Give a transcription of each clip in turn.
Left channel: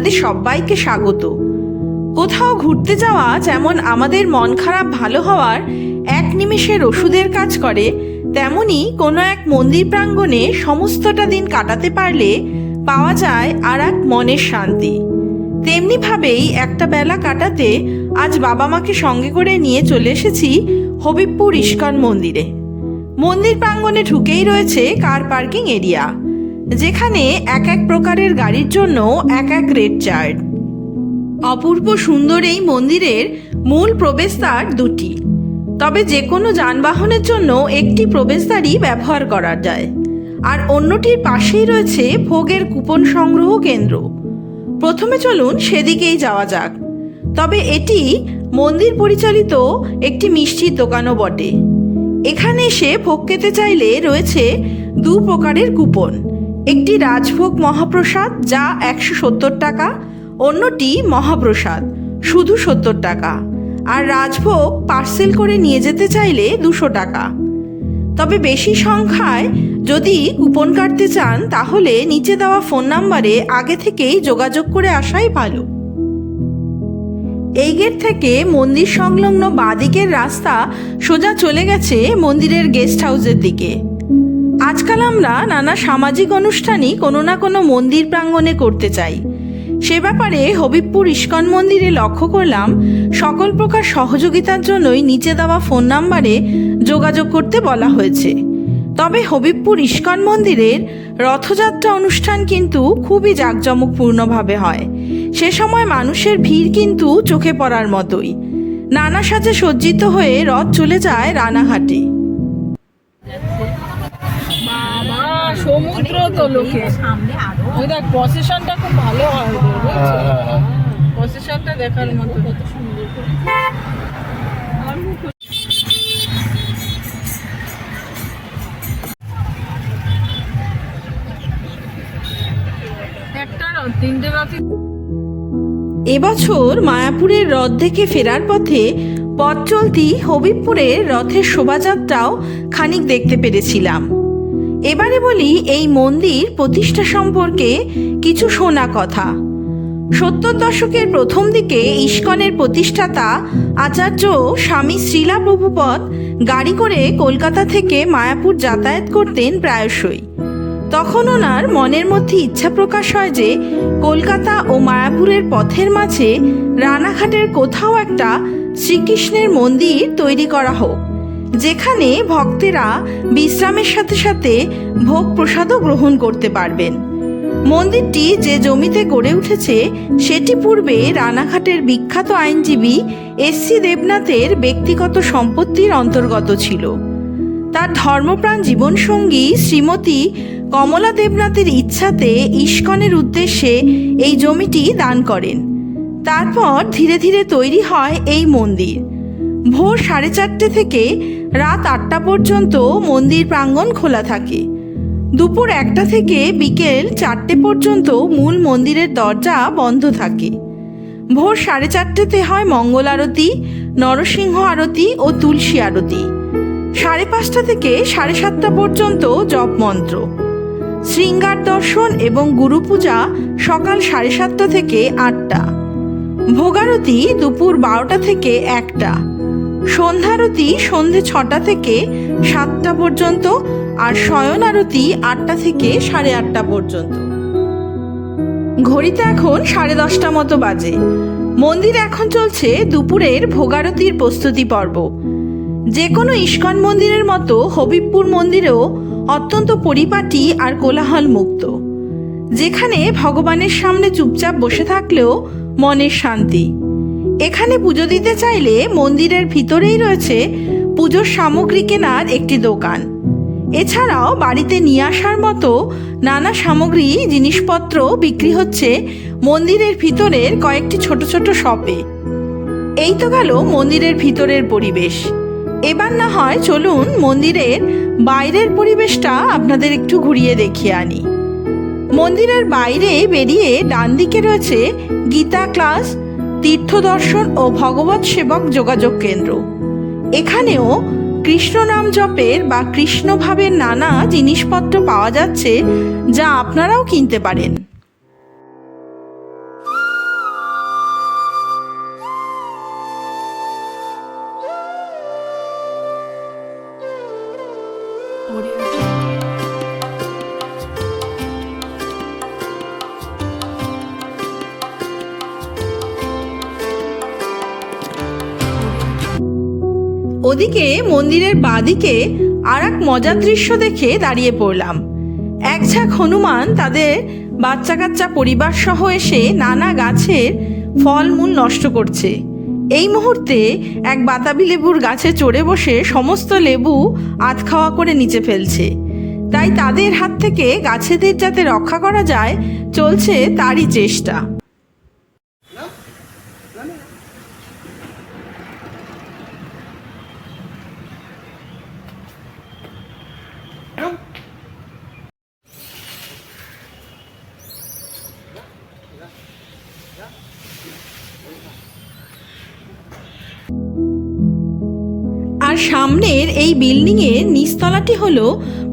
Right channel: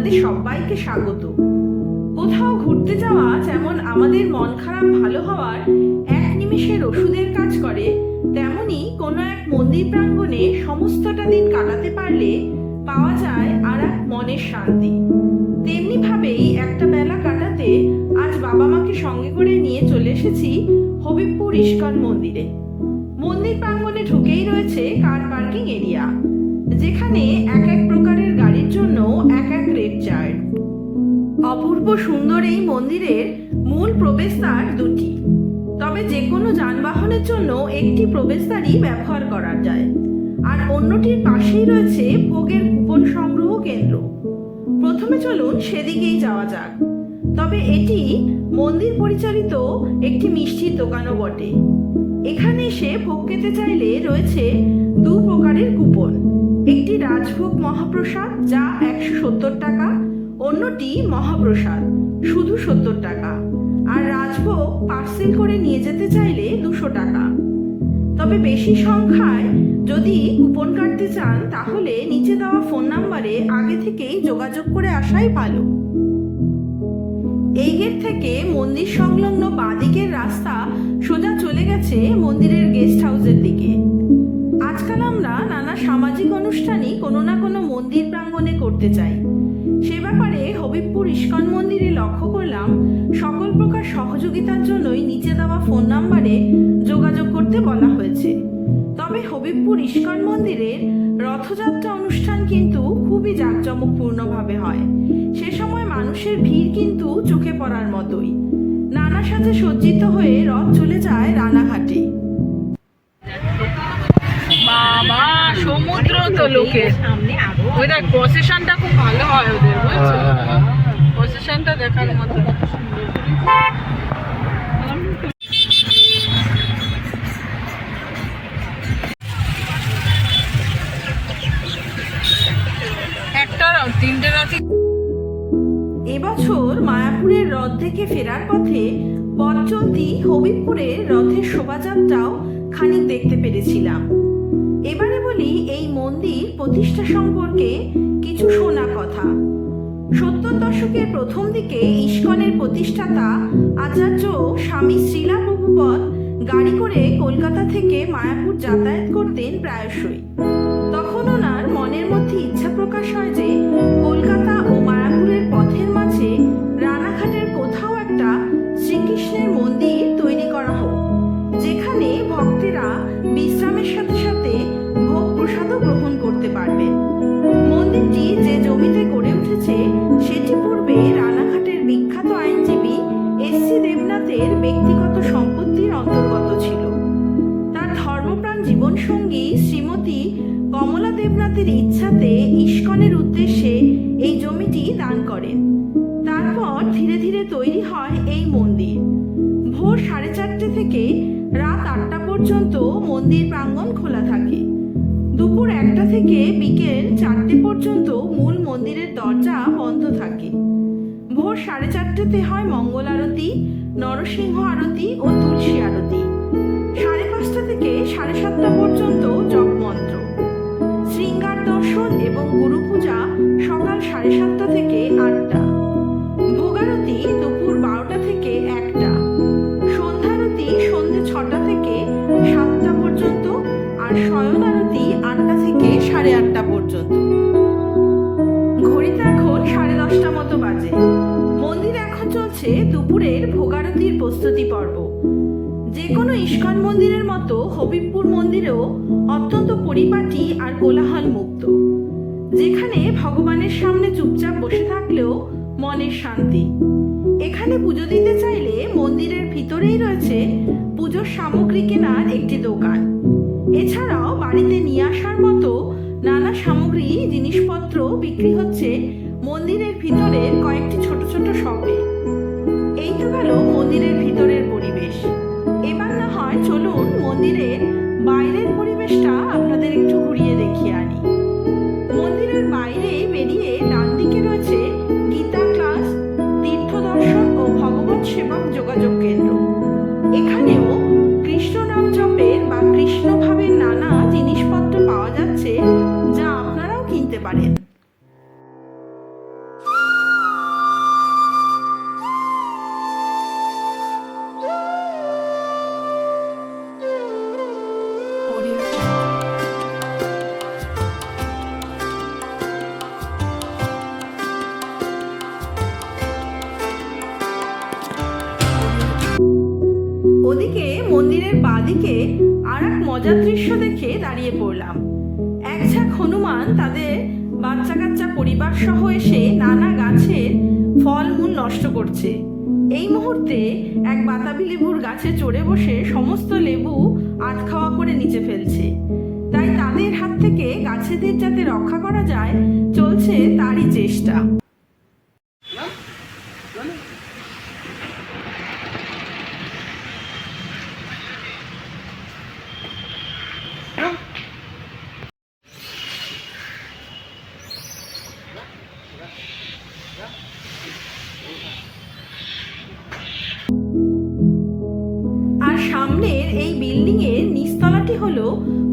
আপনাদের সবাইকে স্বাগত। কোথাও ঘুরতে যাওয়া যেমন আমাদের মন খারাপ ভালো হওয়ার এক নিমেষের ওষুধের কাজ করে, তেমনি কোনো এক মন্দির প্রাঙ্গণে সমস্তটা দিন কাটাতে পারলে পাওয়া যায় আর এক মনের শান্তি। তেমনিভাবেই একটা বেলা কাটাতে আজ বাবা মাকে সঙ্গে করে নিয়ে চলে এসেছি হবিবপুর ইস্কন মন্দিরে। মন্দির প্রাঙ্গণে ঢুকেই রয়েছে কার পার্কিং এরিয়া। যেখানে এক এক প্রকারের গাড়ির জন্য এক এক রেট চার্ট। অপূর্ব সুন্দর এই মন্দিরের মূল প্রবেশদ্বার দুটি। তবে যে কোনো যানবাহনের জন্য একটি প্রবেশদ্বারই ব্যবহার করা যায়। আর অন্যটির পাশেই রয়েছে ভোগের কুপন সংগ্রহ কেন্দ্র। প্রথমে চলুন সেদিকেই যাওয়া যাক। তবে এটি মন্দির পরিচালিত একটি মিষ্টির দোকানও বটে। এখানে এসে ভোগ খেতে চাইলে রয়েছে দু প্রকারের কুপন। একটি রাজভোগ মহাপ্রসাদ যা একশো সত্তর টাকা, অন্যটি মহাপ্রসাদ, শুধু সত্তর টাকা। আর রাজভোগ পার্সেল করে নিয়ে যেতে চাইলে দুশো টাকা। তবে বেশি সংখ্যায় যদি কুপন কাটতে চান, তাহলে নিচে দেওয়া ফোন নাম্বারে আগে থেকেই যোগাযোগ করে আসাই ভালো। এই গেট থেকে মন্দির সংলগ্ন বাঁদিকের রাস্তা সোজা চলে গেছে মন্দিরের গেস্ট হাউসের দিকে। আজকাল আমরা নানা সামাজিক অনুষ্ঠানই কোনো না কোনো মন্দির প্রাঙ্গণে করতে চাই। সে ব্যাপারে হবিবপুর ইস্কন মন্দিরে লক্ষ্য করলাম, সকল প্রকার সহযোগিতার জন্যই নিচে দেওয়া ফোন নাম্বারে যোগাযোগ করতে বলা হয়েছে। তবে হবিবপুর ইস্কন মন্দিরের রথযাত্রা অনুষ্ঠান কিন্তু খুবই জাঁকজমকপূর্ণভাবে হয়। সে সময় মানুষের ভিড় কিন্তু চোখে পড়ার মতোই। নানা সাজে সজ্জিত হয়ে রথ চলে যায় রানাঘাটে। বাবা সমুদ্র তো লোকের সামনে আরও ওই দেখ প্রসেশনটা খুব ভালো হয় ওদের বুঝছ? হ্যাঁ, হ্যাঁ, হ্যাঁ। প্রসেশনটা দেখার মতো কত সুন্দর। একটা রথ, তিনটে রথই এবছর মায়াপুরের রথ থেকে ফেরার পথে পথ চলতি হবিবপুরের রথের শোভাযাত্রাও খানিক দেখতে পেরেছিলাম। এবারে বলি এই মন্দির প্রতিষ্ঠা সম্পর্কে কিছু শোনা কথা। সত্তর দশকের প্রথম দিকে ইস্কনের প্রতিষ্ঠাতা আচার্য স্বামী শ্রীলা প্রভুপদ গাড়ি করে কলকাতা থেকে মায়াপুর যাতায়াত করতেন প্রায়শই। তখন ওনার মনের মধ্যে ইচ্ছা প্রকাশ হয় যে কলকাতা ও মায়াপুরের পথের মাঝে রানাঘাটের কোথাও একটা শ্রীকৃষ্ণের মন্দির তৈরি করা হোক। যেখানে ভক্তেরা বিশ্রামের সাথে সাথে ভোগ প্রসাদও গ্রহণ করতে পারবেন। মন্দিরটি যে জমিতে গড়ে উঠেছে, সেটি পূর্বে রানাঘাটের বিখ্যাত আইনজীবী এস সি দেবনাথের ব্যক্তিগত সম্পত্তির অন্তর্গত ছিল। তার ধর্মপ্রাণ জীবনসঙ্গী শ্রীমতী কমলা দেবনাথের ইচ্ছাতে ইস্কনের উদ্দেশ্যে এই জমিটি দান করেন। তারপর ধীরে ধীরে তৈরি হয় এই মন্দির। ভোর সাড়ে চারটে থেকে রাত আটটা পর্যন্ত মন্দির প্রাঙ্গণ খোলা থাকে। দুপুর একটা থেকে বিকেল চারটে পর্যন্ত মূল মন্দিরের দরজা বন্ধ থাকে। ভোর সাড়ে চারটেতে হয় মঙ্গল আরতি, নরসিংহ আরতি ও তুলসী আরতি। সাড়ে পাঁচটা থেকে সাড়ে সাতটা পর্যন্ত জপ মন্ত্র। শৃঙ্গার দর্শন এবং গুরু পূজা সকাল সাড়ে সাতটা থেকে আটটা। ভোগারতি দুপুর বারোটা থেকে একটা। সন্ধ্যারতি সন্ধে ছটা থেকে সাতটা পর্যন্ত আর শয়ন আরতি আটটা থেকে সাড়ে আটটা পর্যন্ত। ঘড়িতে এখন সাড়ে দশটা মতো বাজে। মন্দিরে এখন চলছে দুপুরের ভোগারতির প্রস্তুতি পর্ব। যে কোনো ইস্কন মন্দিরের মতো হবিবপুর মন্দিরেও অত্যন্ত পরিপাটি আর কোলাহল মুক্ত যেখানে ভগবানের সামনে চুপচাপ বসে থাকলেও মনের শান্তি। এখানে পুজো দিতে চাইলে মন্দিরের ভিতরেই রয়েছে পুজোর সামগ্রী কেনার একটি দোকান। এছাড়াও বাড়িতে নিয়ে আসার মতো নানা সামগ্রী, জিনিসপত্র বিক্রি হচ্ছে মন্দিরের ভিতরের কয়েকটি ছোট ছোট শপে। এই তো গেল মন্দিরের ভিতরের পরিবেশ। এবার না হয় চলুন মন্দিরের বাইরের পরিবেশটা আপনাদের একটু ঘুরিয়ে দেখিয়ে আনি। মন্দিরের বাইরে বেরিয়ে ডান দিকে রয়েছে গীতা ক্লাস তীর্থ দর্শন ও ভগবত সেবক যোগাযোগ কেন্দ্র। এখানেও কৃষ্ণ নাম জপের বা কৃষ্ণভাবের নানা জিনিসপত্র পাওয়া যাচ্ছে যা আপনারাও কিনতে পারেন। ওদিকে মন্দিরের বাদিকে আর এক মজার দৃশ্য দেখে দাঁড়িয়ে পড়লাম। এক ঝাঁক হনুমান তাদের বাচ্চা কাচ্চা পরিবার সহ এসে নানা গাছের ফলমূল নষ্ট করছে। এই মুহূর্তে এক বাতাবি লেবুর গাছে চড়ে বসে সমস্ত লেবু আধ খাওয়া করে নিচে ফেলছে। তাই তাদের হাত থেকে গাছেদের যাতে রক্ষা করা যায়, চলছে তারই চেষ্টা।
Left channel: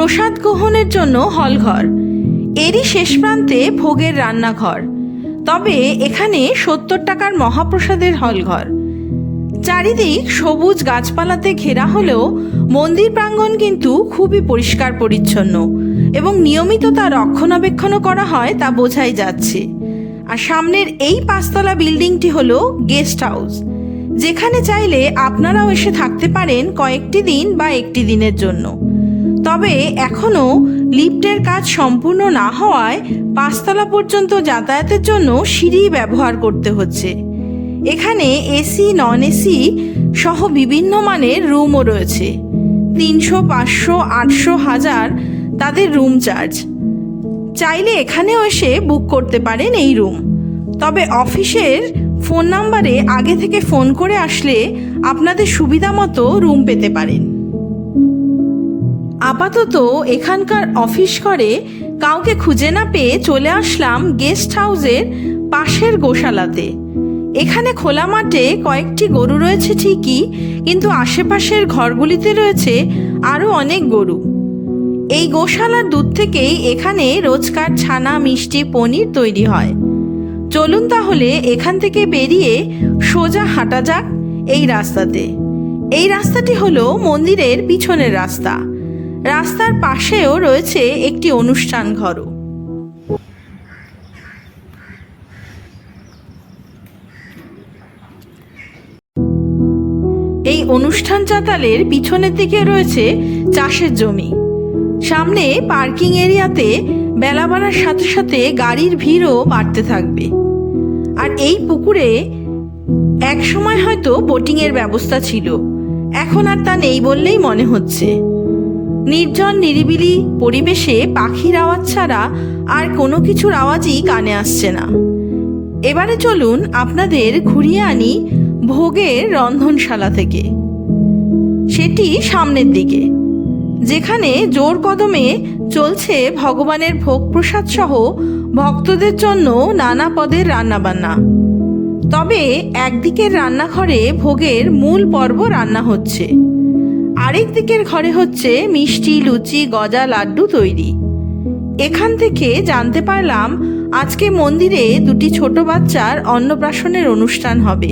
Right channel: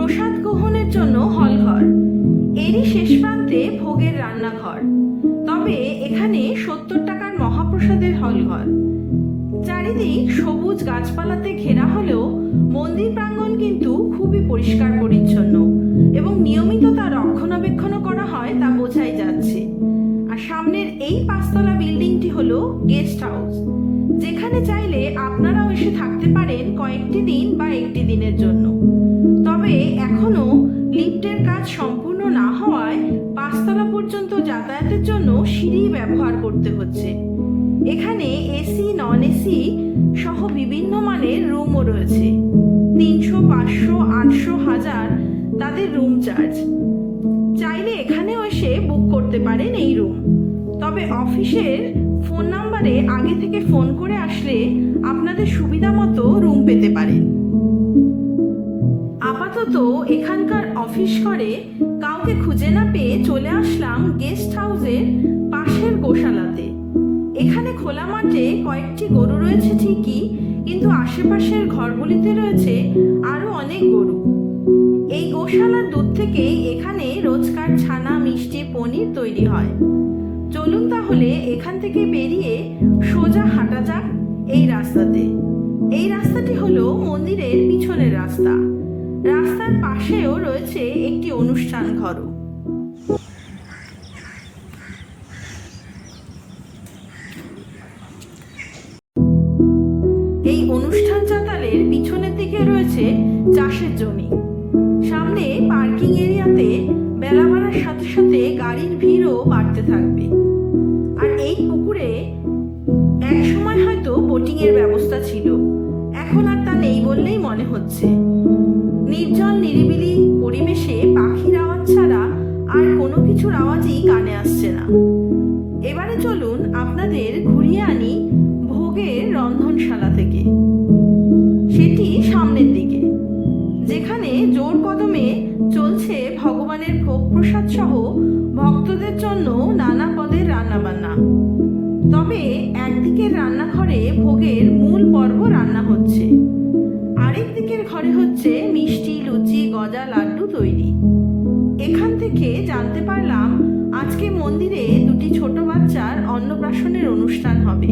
প্রসাদ গ্রহণের জন্য হলঘর। এরই শেষ প্রান্তে ভোগের রান্নাঘর। তবে এখানে সত্তর টাকার মহাপ্রসাদের হলঘর। চারিদিক সবুজ গাছপালাতে ঘেরা হলেও মন্দির প্রাঙ্গণ কিন্তু খুবই পরিষ্কার পরিচ্ছন্ন এবং নিয়মিত তা রক্ষণাবেক্ষণও করা হয় তা বোঝাই যাচ্ছে। আর সামনের এই পাঁচতলা বিল্ডিংটি হলো গেস্ট হাউস। যেখানে চাইলে আপনারাও এসে থাকতে পারেন কয়েকটি দিন বা একটি দিনের জন্য। তবে এখনও লিফটের কাজ সম্পূর্ণ না হওয়ায় পাঁচতলা পর্যন্ত যাতায়াতের জন্য সিঁড়ি ব্যবহার করতে হচ্ছে। এখানে এসি নন এসি সহ বিভিন্ন মানের রুমও রয়েছে। তিনশো, পাঁচশো, আটশো হাজার তাদের রুম চার্জ। চাইলে এখানেও এসে বুক করতে পারেন এই রুম। তবে অফিসের ফোন নাম্বারে আগে থেকে ফোন করে আসলে আপনাদের সুবিধা মতো রুম পেতে পারেন। আপাতত এখানকার অফিস করে কাউকে খুঁজে না পেয়ে চলে আসলাম গেস্ট হাউসের পাশের গোশালাতে। এখানে খোলা মাঠে কয়েকটি গরু রয়েছে ঠিকই, কিন্তু আশেপাশের ঘরগুলিতে রয়েছে আরও অনেক গরু। এই গোশালার দুধ থেকেই এখানে রোজকার ছানা, মিষ্টি, পনির তৈরি হয়। চলুন তাহলে এখান থেকে বেরিয়ে সোজা হাঁটা যাক এই রাস্তাতে। এই রাস্তাটি হলো মন্দিরের পিছনের রাস্তা। রাস্তার পাশেও রয়েছে একটি অনুষ্ঠান ঘরও। এই অনুষ্ঠান চাতালের পিছনের দিকে রয়েছে চাষের জমি। সামনে পার্কিং এরিয়াতে বেলা বাড়ার সাথে সাথে গাড়ির ভিড়ও বাড়তে থাকবে। আর এই পুকুরে এক সময় হয়তো বোটিংয়ের ব্যবস্থা ছিল। এখন আর তা নেই বললেই মনে হচ্ছে। নির্জন নিরিবিলি পরিবেশে পাখির আওয়াজ ছাড়া আর কোনো কিছুর আওয়াজই কানে আসছে না। এবারে চলুন আপনাদের ঘুরিয়ে আনি ভোগের রন্ধনশালা থেকে। সেটি সামনের দিকে, যেখানে জোর কদমে চলছে ভগবানের ভোগ প্রসাদ সহ ভক্তদের জন্য নানা পদের রান্নাবান্না। তবে একদিকের রান্নাঘরে ভোগের মূল পর্ব রান্না হচ্ছে। আরেক দিকের ঘরে হচ্ছে মিষ্টি, লুচি, গজা, লাড্ডু তৈরি। এখান থেকে জানতে পারলাম আজকে মন্দিরে দুটি ছোট বাচ্চার অন্নপ্রাশনের অনুষ্ঠান হবে।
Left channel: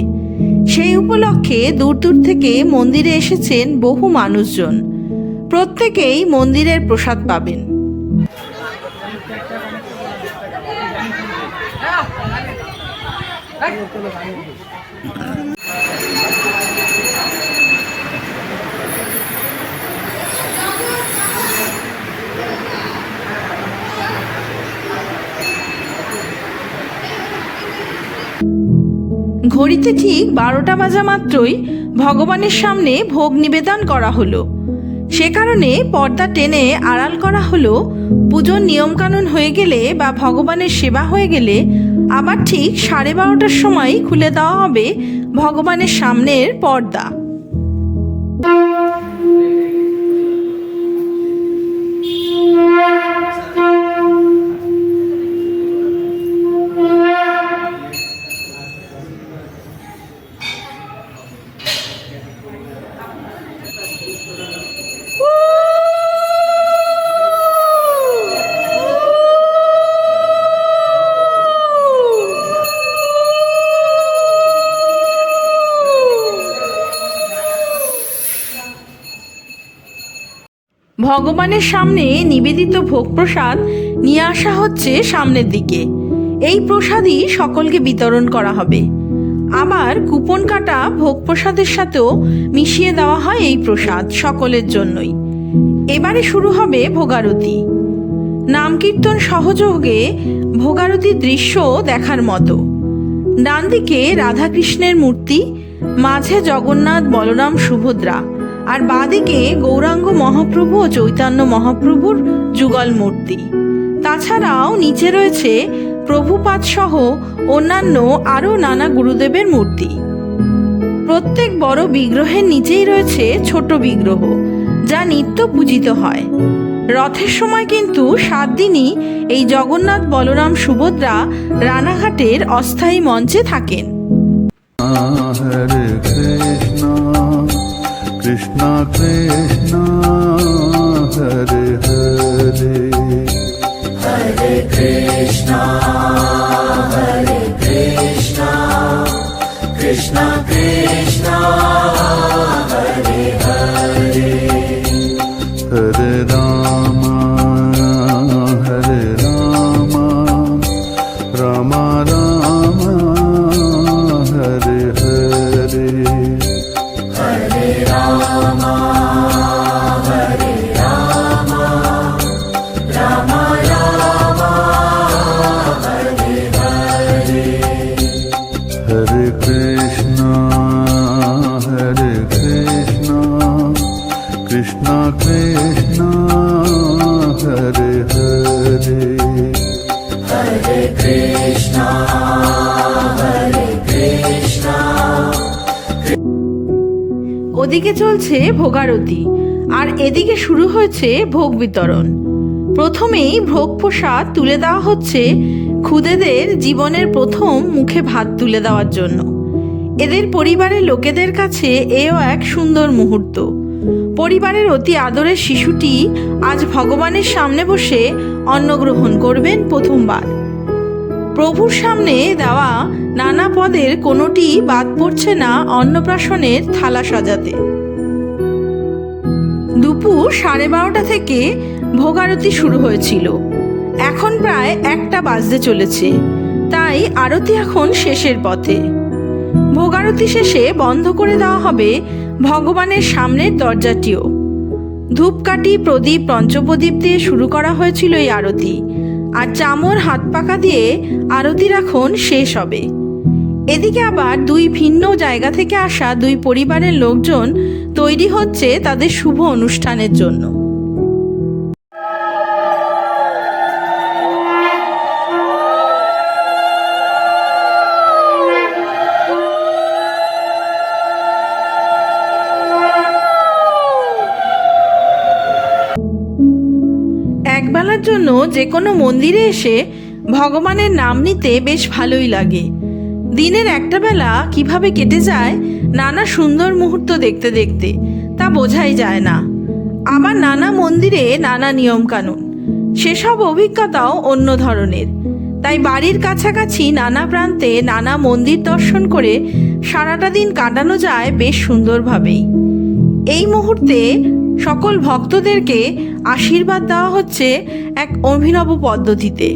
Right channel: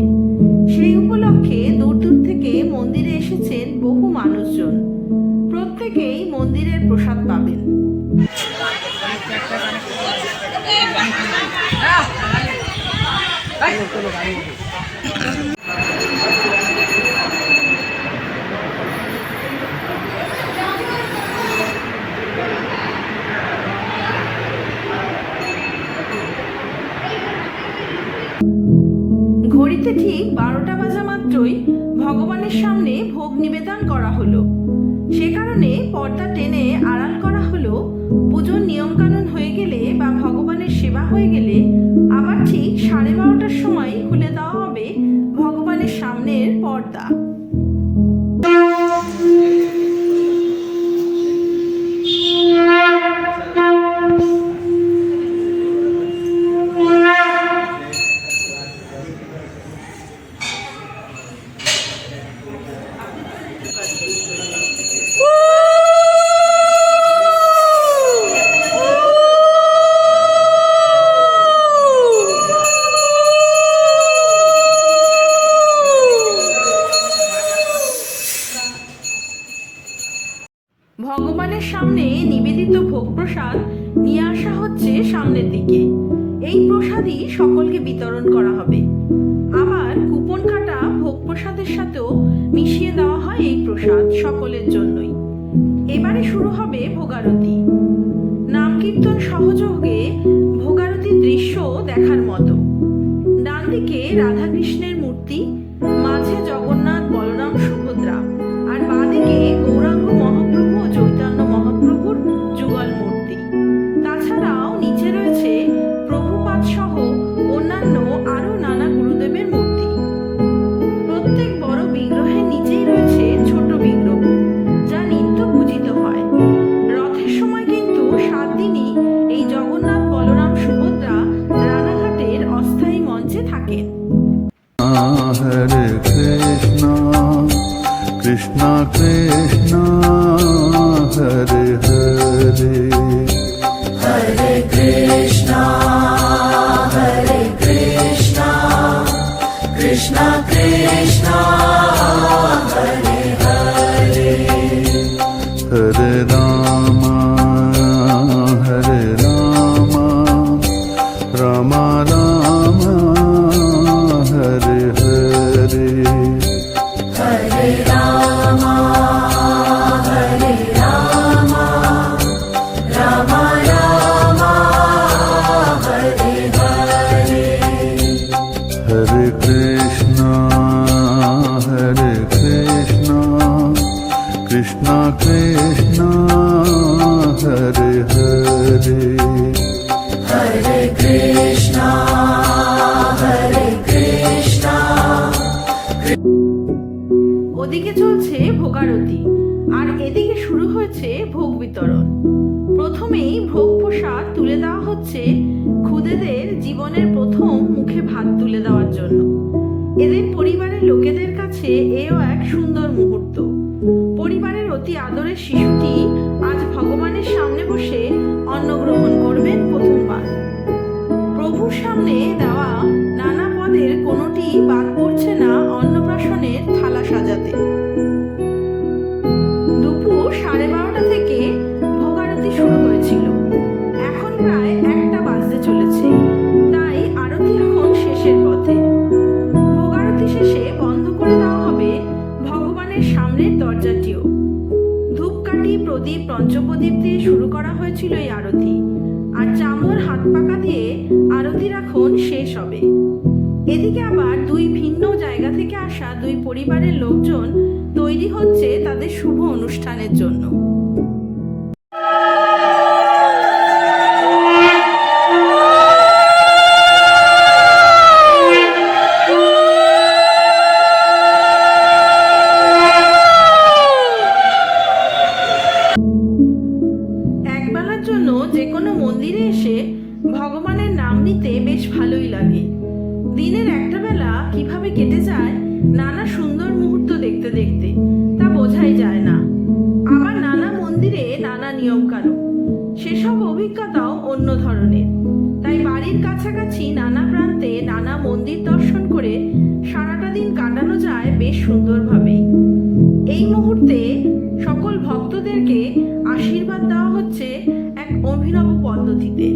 সেই উপলক্ষে দূর দূর থেকে মন্দিরে এসেছেন বহু মানুষজন। প্রত্যেকেই মন্দিরের প্রসাদ পাবেন। ঘড়িতে ঠিক বারোটা বাজা মাত্রই ভগবানের সামনে ভোগ নিবেদন করা হলো। সে কারণে পর্দা টেনে আড়াল করা হলো। পুজোর নিয়মকানুন হয়ে গেলে বা ভগবানের সেবা হয়ে গেলে আবার ঠিক সাড়ে বারোটার সময় খুলে দেওয়া হবে ভগবানের সামনের পর্দা। ভগবানের সামনে নিবেদিত ভোগ প্রসাদ নিয়ে আসা হচ্ছে সামনের দিকে। এই প্রসাদই সকলকে বিতরণ করা হবে। আবার কুপন কাটা ভোগ প্রসাদের সাথেও মিশিয়ে দেওয়া হয় এই প্রসাদ সকলের জন্যই। এবারে শুরু হবে ভোগারতি। নাম কীর্তন সহযোগে ভোগারতির দৃশ্য দেখার মতো। ডান দিকে রাধাকৃষ্ণের মূর্তি, মাঝে জগন্নাথ বলরাম সুভদ্রা। আর বাঁদিকে গৌরাঙ্গ মহাপ্রভু ও চৈতন্য মহাপ্রভুর যুগল মূর্তি। তাছাড়াও নিচে রয়েছে প্রভুপাদ সহ অন্যান্য আরও নানা গুরুদেবের মূর্তি। প্রত্যেক বড় বিগ্রহের নিচেই রয়েছে ছোট বিগ্রহ, যা নিত্য পূজিত হয়। রথের সময় কিন্তু সাত দিনই এই জগন্নাথ বলরাম সুভদ্রা রানাঘাটের অস্থায়ী মঞ্চে থাকেন। कृष्णा कृष्णा हरे हरे। हरे कृष्णा हरे कृष्णा। कृष्णा कृष्णा हरे हरे। हरे राम। ওদিকে চলছে ভোগারতি, আর এদিকে শুরু হয়েছে ভোগ বিতরণ। প্রথমেই ভোগ প্রসাদ তুলে দেওয়া হচ্ছে খুদেদের জীবনের প্রথম মুখে ভাত তুলে দেওয়ার জন্য। এদের পরিবারের লোকেদের কাছে এও এক সুন্দর মুহূর্ত। পরিবারের অতি আদরের শিশুটি আজ ভগবানের সামনে বসে অন্ন গ্রহণ করবেন প্রথমবার। প্রভুর সামনে দেওয়া নানা পদের কোনোটি বাদ পড়ছে না অন্নপ্রাশনের থালা সাজাতে। দুপুর সাড়ে বারোটা থেকে ভোগারতি শুরু হয়েছিল। এখন প্রায় একটা বাজতে চলেছে, তাই আরতি এখন শেষের পথে। ভোগারতি শেষে বন্ধ করে দেওয়া হবে ভগবানের সামনের দরজাটিও। ধূপকাঠি প্রদীপ পঞ্চপ্রদীপ দিয়ে শুরু করা হয়েছিল এই আরতি। আর চামর হাত পাকা দিয়ে আরতি রাখন শেষ হবে। এদিকে আবার দুই ভিন্ন জায়গা থেকে আসা দুই পরিবারের লোকজন তৈরি হচ্ছে তাদের শুভ অনুষ্ঠানের জন্য। কোনো মন্দিরে এসে ভগবানের নাম নিতে বেশ ভালোই লাগে। দিনের একটা বেলা কীভাবে কেটে যায়, নানা সুন্দর মুহূর্ত দেখতে দেখতে, তা বোঝাই যায় না। আবার নানা মন্দিরে নানা নিয়মকানুন, সেসব অভিজ্ঞতাও অন্য ধরনের। তাই বাড়ির কাছাকাছি নানা প্রান্তে নানা মন্দির দর্শন করে সারাটা দিন কাটানো যায় বেশ সুন্দরভাবেই। এই মুহূর্তে সকল ভক্তদেরকে আশীর্বাদ দেওয়া হচ্ছে এক অভিনব পদ্ধতিতে।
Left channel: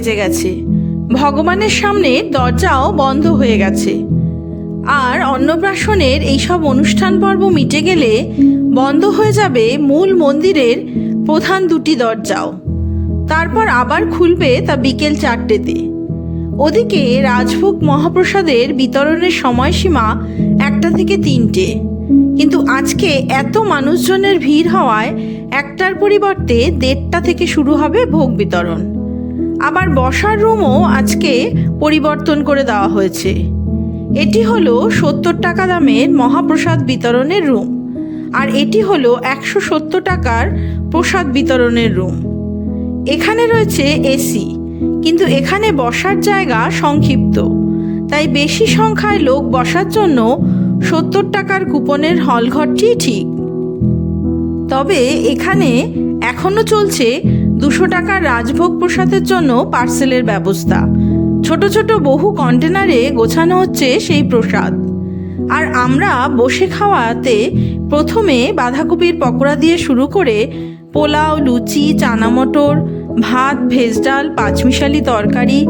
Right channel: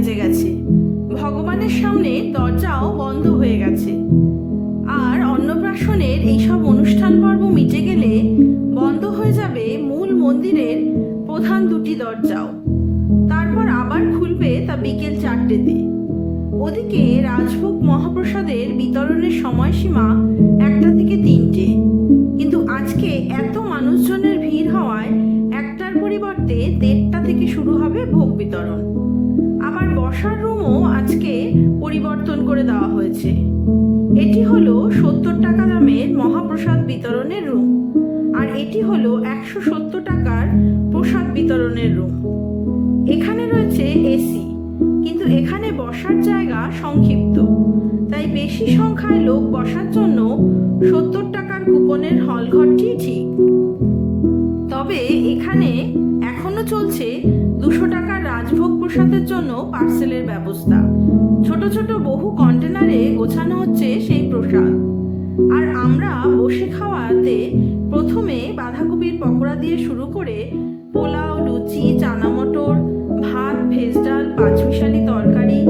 বেজে গেছে। ভগবানের সামনে দরজাও বন্ধ হয়ে গেছে। আর অন্নপ্রাশনের এইসব অনুষ্ঠান পর্ব মিটে গেলে বন্ধ হয়ে যাবে মূল মন্দিরের প্রধান দুটি দরজাও। তারপর আবার খুলবে তা বিকেল চারটেতে। ওদিকে রাজভোগ মহাপ্রসাদের বিতরণের সময়সীমা একটা থেকে তিনটে। কিন্তু আজকে এত মানুষজনের ভিড় হওয়ায় একটার পরিবর্তে দেড়টা থেকে শুরু হবে ভোগ বিতরণ। আবার বসার রুমও আজকে পরিবর্তন করে দেওয়া হয়েছে। এটি হলো সত্তর টাকা দামের মহাপ্রসাদ বিতরণের রুম আর এটি হলো একশো সত্তর টাকার প্রসাদ বিতরণের রুম। এখানে রয়েছে এসি, কিন্তু এখানে বসার জায়গা সংক্ষিপ্ত। তাই বেশি সংখ্যায় লোক বসার জন্য সত্তর টাকার কুপনের হলঘরটি ঠিক। তবে এখানে এখনও চলছে দুশো টাকার রাজভোগ প্রসাদের জন্য পার্সেলের ব্যবস্থা। ছোট ছোট বহু কন্টেনারে গোছানো হচ্ছে সেই প্রসাদ। আর আমরা বসে খাওয়াতে প্রথমে বাঁধাকপির পকোড়া দিয়ে শুরু করে পোলাও, লুচি চানা মটর ভাত, ভেজ ডাল, পাঁচমিশালি তরকারি,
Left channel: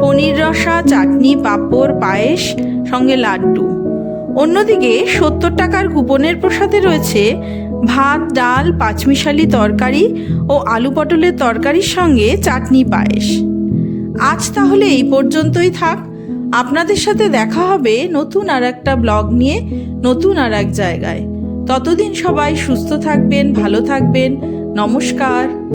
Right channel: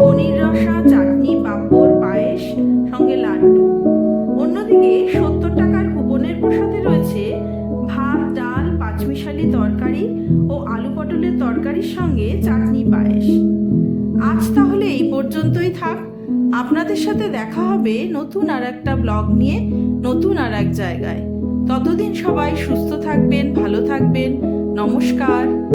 পনির রসা, চাটনি, পাঁপড়, পায়েস, সঙ্গে লাড্ডু। অন্যদিকে সত্তর টাকার কুপনের প্রসাদে রয়েছে ভাত, ডাল, পাঁচমিশালি তরকারি ও আলু পটলের তরকারির সঙ্গে চাটনি পায়েস। আজ তাহলে এই পর্যন্তই থাক। আপনাদের সাথে দেখা হবে নতুন আর একটা ব্লগ নিয়ে, নতুন আর এক জায়গায়। ততদিন সবাই সুস্থ থাকবেন, ভালো থাকবেন। নমস্কার।